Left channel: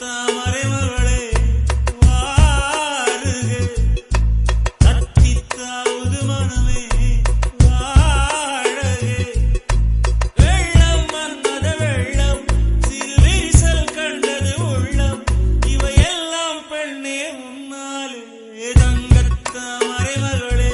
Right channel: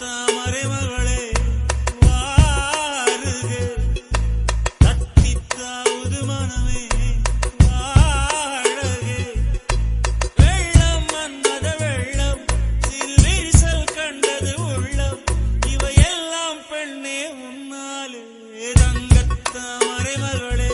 தங்கத்தாமரை மகளே வாருக, தத்தித்தாவது மனமே வாழக. வெள்ளம் மன்மத வெள்ளம், சிறு விரிசல் கண்டது உள்ளம், இவையெல்லாம் பெண்ணே உன்னாலே. தங்கத்தாமரை மகளே